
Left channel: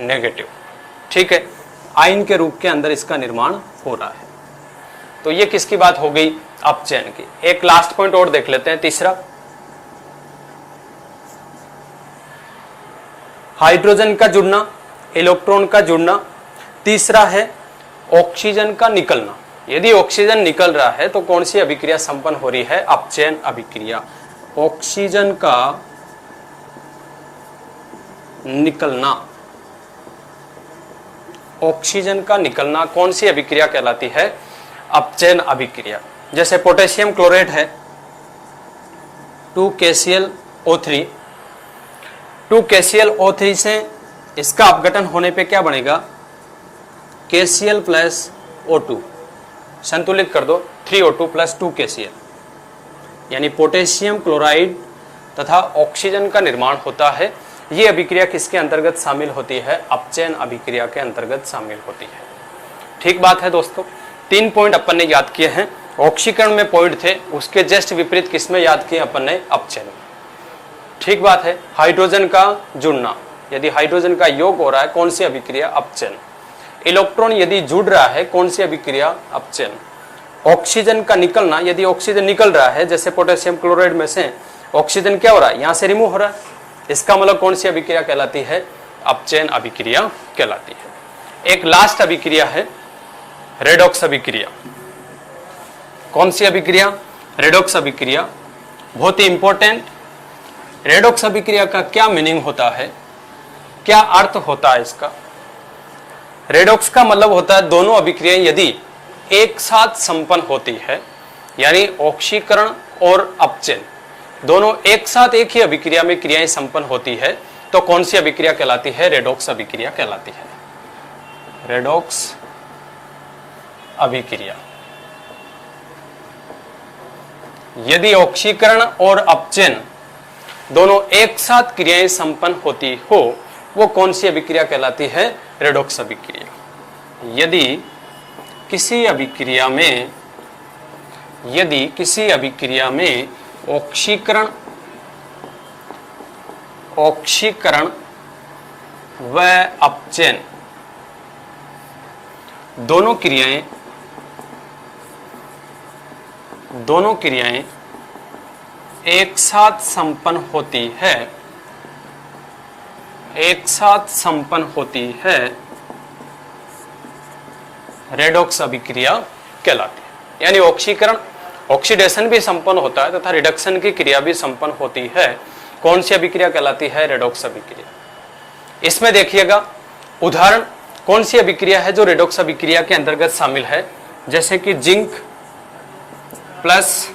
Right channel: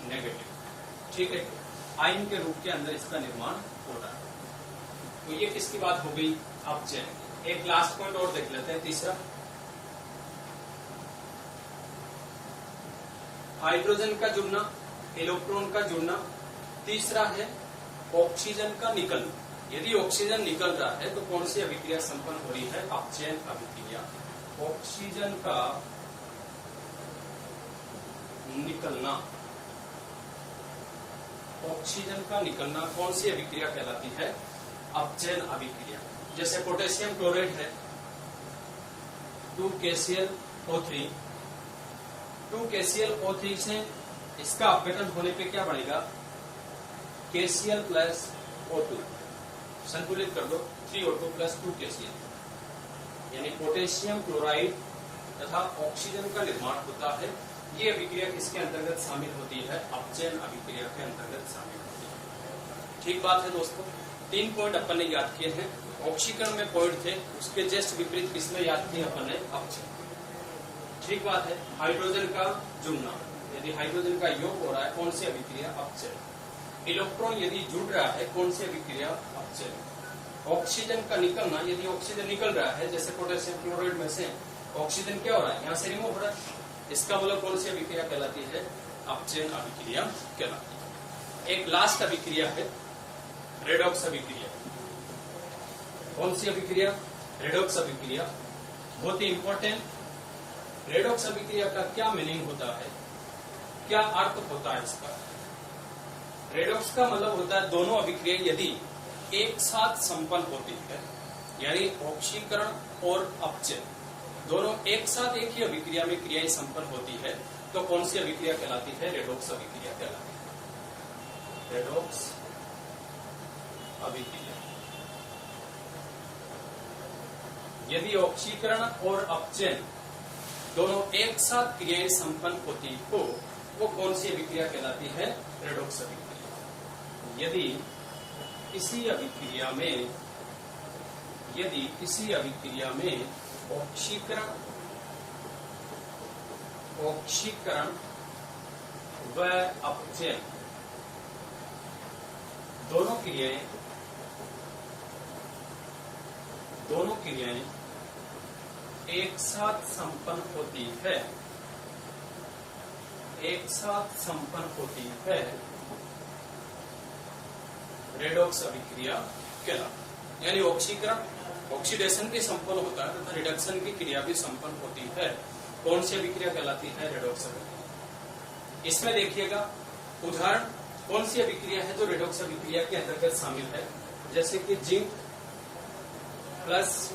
नेगेटिव। ठीक है, आयन के रूप के अंदर इसका निर्माण हो रहा है। तो ये किसकी बात हो गई? अपचयन की। एक लास्ट पॉइंट और देख लेते हैं, तीसरा, हाइड्रोजन का जुड़ना, इलेक्ट्रॉन का जुड़ना। तीसरा है ऑक्सीजन का निकलना। यदि ऑक्सीजन निकल रहा है तो कौन सी अभिक्रिया संपन्न हो रही है? अपचयन अभिक्रिया। ऑक्सीजन का निकलना, ऑक्सीजन का निकलना कौन सी अभिक्रिया कहलाती है? अपचयन अभिक्रिया। जैसे पोटेशियम क्लोरेट है, 2KClO3, 2KClO3 से इसका अपघटन होने पे क्या बनेगा? KCl + O2, संतुलित कर दो, 3O2 + 2KCl। यानी पोटेशियम क्लोराइड तथा ऑक्सीजन का निर्माण होता है। ये अभिक्रिया किसके अंतर्गत शामिल होती है? अपचयन अभिक्रिया के अंतर्गत शामिल होती है। ठीक बात है दोस्तों, 3 पॉइंट अपन ने याद किए हैं। ऑक्सीकरण में पॉइंट थे, उसके जस्ट विपरीत किसमें याद किए अपन ने? अपचयन में। ठीक बात है। हाइड्रोजन का जुड़ना, यदि हाइड्रोजन का योग हो रहा है, कौन सी अभिक्रिया? अपचयन। इलेक्ट्रॉन यदि जुड़ रहा है, कौन सी अभिक्रिया? अपचयन। ऑक्सीजन का निकलना, यदि ऑक्सीजन निकल रहा है, जैसे पोटेशियम क्लोराइड में से ऑक्सीजन क्या हो रहा है? यहां से रिमूव हो रहा है, इसका मतलब कौन सी अभिक्रिया कहलाती है? अपचयन अभिक्रिया कहलाती है। एक लास्ट अभिक्रिया है रेडॉक्स अभिक्रिया। कौन सी अभिक्रिया? रेडॉक्स अभिक्रिया। बहुत ही इंपॉर्टेंट। रेडॉक्स अभिक्रिया का क्या मीनिंग होता है, क्या अर्थ होता है इसका? रेडॉक्स का मतलब होता है दोनों अभिक्रियाएं यदि एक साथ संपन्न होती है, यानी ऑक्सीकरण और अपचयन दोनों एक साथ एक ही अभिक्रिया में क्रियाएं संपन्न होती है, तो कौन सी अभिक्रिया कहलाती है? रेडॉक्स अभिक्रिया कहलाती है। रेडॉक्स अभिक्रिया। यदि ऑक्सीकरण और अपचयन दोनों एक साथ क्रियाएं संपन्न होती हो, वो कौन सी अभिक्रिया कहलाती है? रेडॉक्स अभिक्रिया। यदि किसी अभिक्रिया में ऑक्सीकरण व अपचयन दोनों क्रियाएं एक साथ संपन्न होती है, रेडॉक्स अभिक्रिया कहलाती है। यानी ऑक्सीकरण, ऑक्सीडेशन भी संपन्न होता है तथा रिडक्शन की क्रिया भी संपन्न होती है। कौन सी अभिक्रिया कहलाती है? रेडॉक्स अभिक्रिया। इसमें देखिएगा उदाहरण, कौन सी अभिक्रिया है जो रेडॉक्स अभिक्रिया के अंतर्गत शामिल है? जैसे कि जिंक प्लस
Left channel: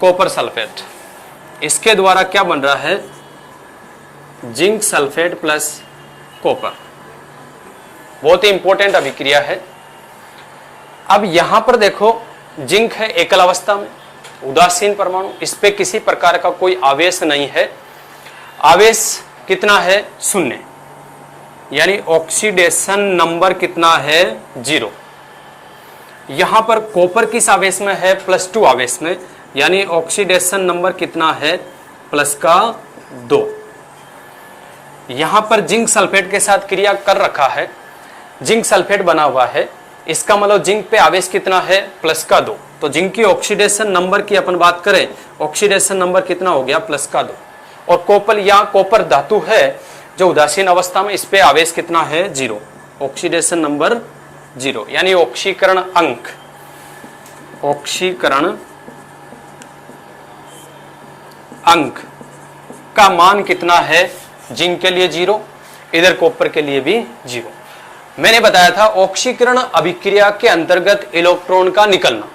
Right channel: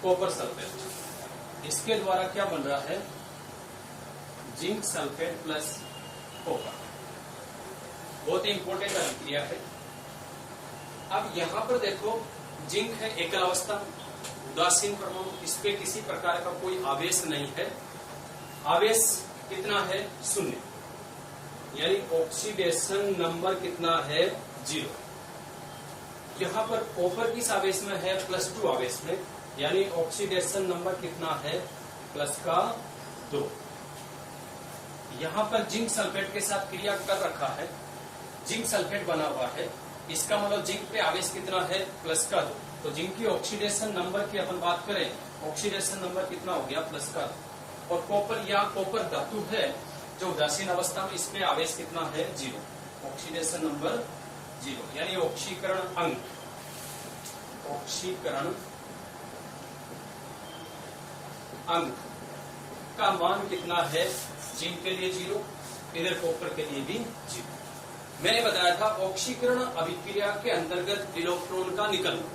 कॉपर सल्फेट, इसके द्वारा क्या बन रहा है? Zinc sulphate plus copper. बहुत ही इंपॉर्टेंट अभिक्रिया है। अब यहां पर देखो, जिंक है एकल अवस्था में, उदासीन परमाणु, इस पे किसी प्रकार का कोई आवेश नहीं है। आवेश कितना है? 0, यानी ऑक्सीडेशन नंबर कितना है? 0। यहां पर कॉपर किस आवेश में है? +2 आवेश में, यानी ऑक्सीडेशन नंबर कितना है? +2। यहां पर जिंक सल्फेट के साथ क्रिया कर रखा है, जिंक सल्फेट बना हुआ है, इसका मतलब जिंक पे आवेश कितना है? +2। तो जिंक की ऑक्सीडेशन नंबर की अपन बात करें, ऑक्सीडेशन नंबर कितना हो गया? +2। और कॉपर या कॉपर धातु है जो उदासीन अवस्था में, इस पे आवेश कितना है? 0, ऑक्सीडेशन नंबर 0, यानी ऑक्सीकरण अंक का मान कितना है? जिंक के लिए 0, इधर कॉपर के लिए भी 0। मैंने बताया था ऑक्सीकरण अभिक्रिया के अंतर्गत इलेक्ट्रॉन का निकलना,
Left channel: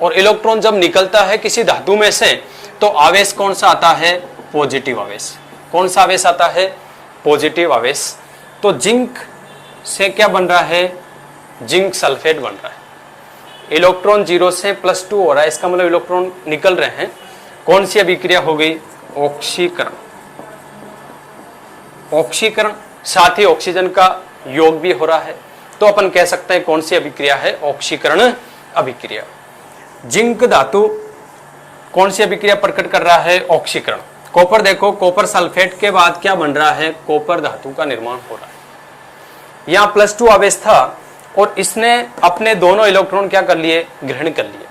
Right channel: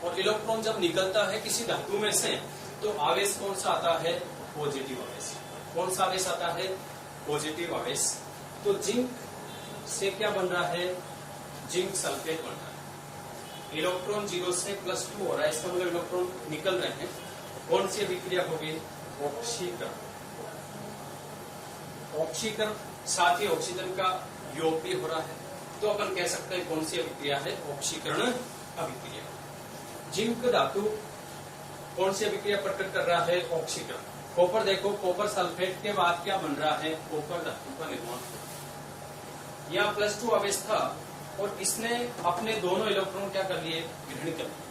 और इलेक्ट्रॉन जब निकलता है किसी धातु में से, तो आवेश कौन सा आता है? पॉजिटिव आवेश। कौन सा आवेश आता है? पॉजिटिव आवेश। तो जिंक से क्या बन रहा है? जिंक सल्फेट बन रहा है। इलेक्ट्रॉन 0 से +2 हो रहा है, इसका मतलब इलेक्ट्रॉन निकल रहे हैं। कौन सी अभिक्रिया हो गई? ऑक्सीकरण। ऑक्सीकरण, साथ ही ऑक्सीजन का योग भी हो रहा है, तो अपन कह सकते हैं कौन सी अभिक्रिया है? ऑक्सीकरण अभिक्रिया। जिंक धातु कौन सी अभिक्रिया प्रकट कर रहा है? ऑक्सीकरण। कॉपर देखो, कॉपर सल्फेट के बाद क्या बन रहा है? कॉपर धातु का निर्माण हो रहा है। यहाँ +2 आवेश था और इसने अपने दोनों इलेक्ट्रॉन क्या कर लिए? ग्रहण कर लिए,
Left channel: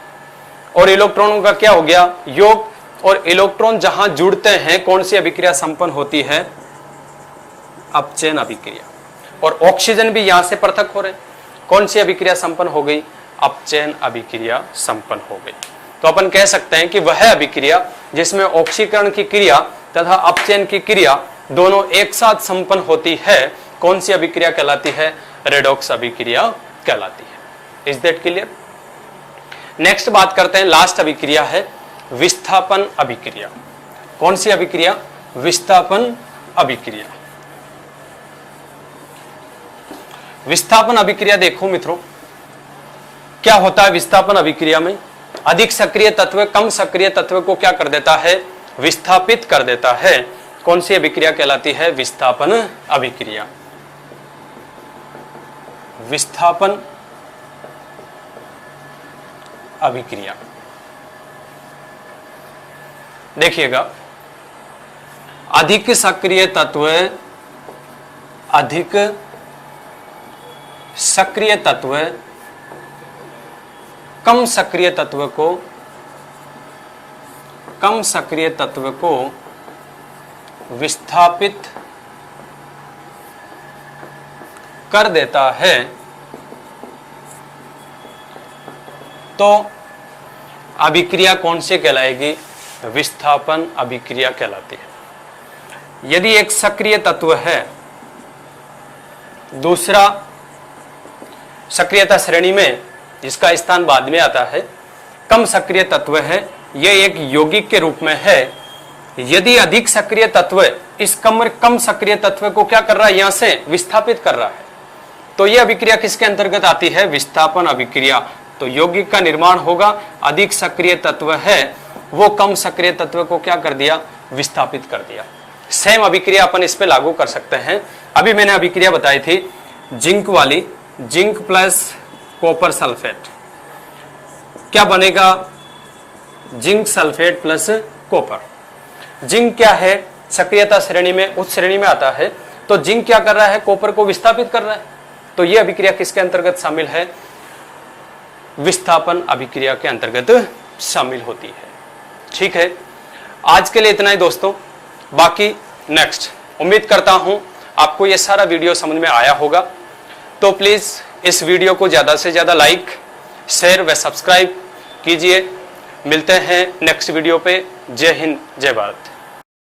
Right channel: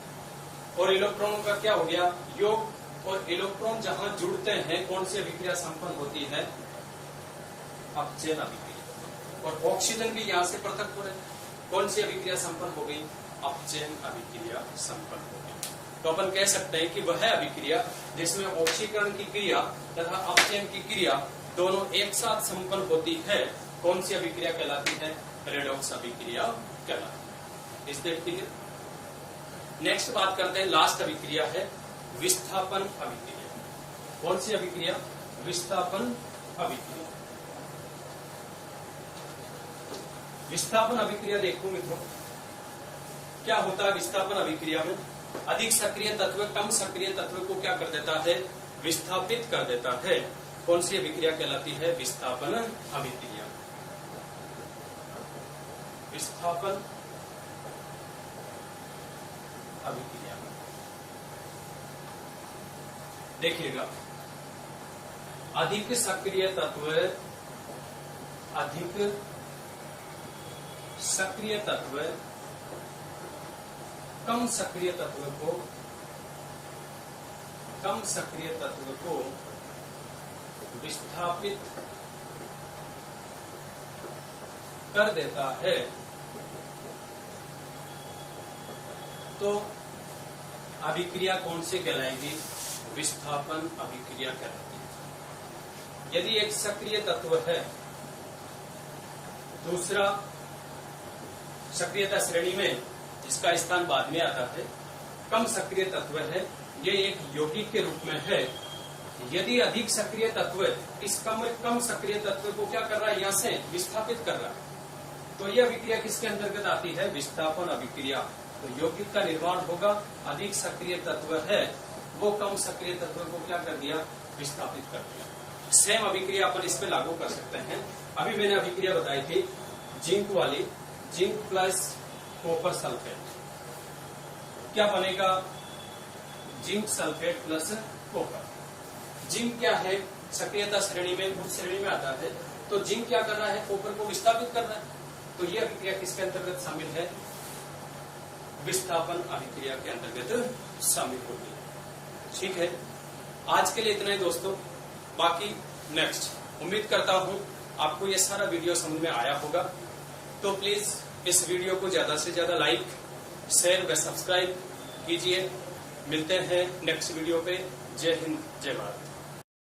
और इलेक्ट्रॉनों का क्या हो गया? योग। और इलेक्ट्रॉन जहां जुड़ते हैं, कौन सी अभिक्रिया संपन्न होती है? अपचयन अभिक्रिया। और ऑक्सीजन भी यहां से पृथक हो रहे, कौन सी अभिक्रिया संपन्न हो गई? अपचयन अभिक्रिया संपन्न हो गई। तो अपन कह सकते हैं कि वह अभिक्रिया जिसमें ऑक्सीकरण की क्रिया तथा अपचयन की क्रिया दोनों एक साथ संपन्न होती है, कौन सी अभिक्रिया कहलाती है? रेडॉक्स अभिक्रिया कहलाती है। Is that clear? नेक्स्ट बात करते हैं, लास्ट अभिक्रिया है विस्थापन अभिक्रिया। कौन सी अभिक्रिया? विस्थापन अभिक्रिया। विस्थापन अभिक्रिया देखो मित्रों, क्या होता है विस्थापन अभिक्रिया में? अधिक सक्रिय तत्व कम सक्रिय तत्व को क्या कर देता है, विस्थापित कर देता है। कौन सी अभिक्रिया कहलाती है, विस्थापन अभिक्रिया। विस्थापन अभिक्रिया। देखिएगा, अधिक सक्रिय तत्व, अधिक सक्रिय तत्व कम सक्रिय तत्व को, कम सक्रिय तत्व को विस्थापित कर देता है, तो अभिक्रिया कौन सी कहलाएगी, विस्थापन अभिक्रिया कहलाती है। यदि एक सक्रिय तत्व है, दूसरा सक्रियता श्रेणी में जिसका स्थान बाद में आता है कम सक्रिय तत्व है, यह एक यौगिक के रूप में है। यदि अधिक सक्रिय तत्व इस कम सक्रिय तत्व को क्या कर रहा है, यहां से विस्थापित कर रहा है, तो यह अभिक्रिया किसके अंतर्गत आती है, विस्थापन अभिक्रिया। तो यौगिक का निर्माण होगा, अधिक सक्रिय तत्व है वो कम सक्रिय तत्व को क्या कर दिया, विस्थापित कर दिया। सेम अभिक्रिया अपन इस पे लागू कर सकते हैं। अभी मैंने अभिक्रिया बताई थी जिंक वाली, जिंक प्लस कॉपर सल्फेट, क्या बनेगा, zinc sulphate plus copper. Zinc क्या है, सक्रियता श्रेणी में उच्च श्रेणी में आता है, तो जिंक क्या कर रहा है, कॉपर को विस्थापित कर रहा है। तो यह अभिक्रिया किसके अंतर्गत शामिल है, विस्थापन अभिक्रिया के अंतर्गत शामिल होती है। ठीक है, आज के लिए इतना ही दोस्तों, बाकी नेक्स्ट। उम्मीद करता हूं आपको यह सारा वीडियो समझ में आया होगा। तो प्लीज इस वीडियो को ज्यादा से ज्यादा लाइक, शेयर व सब्सक्राइब कीजिए। मिलते हैं नेक्स्ट वीडियो पे। जय हिंद, जय भारत।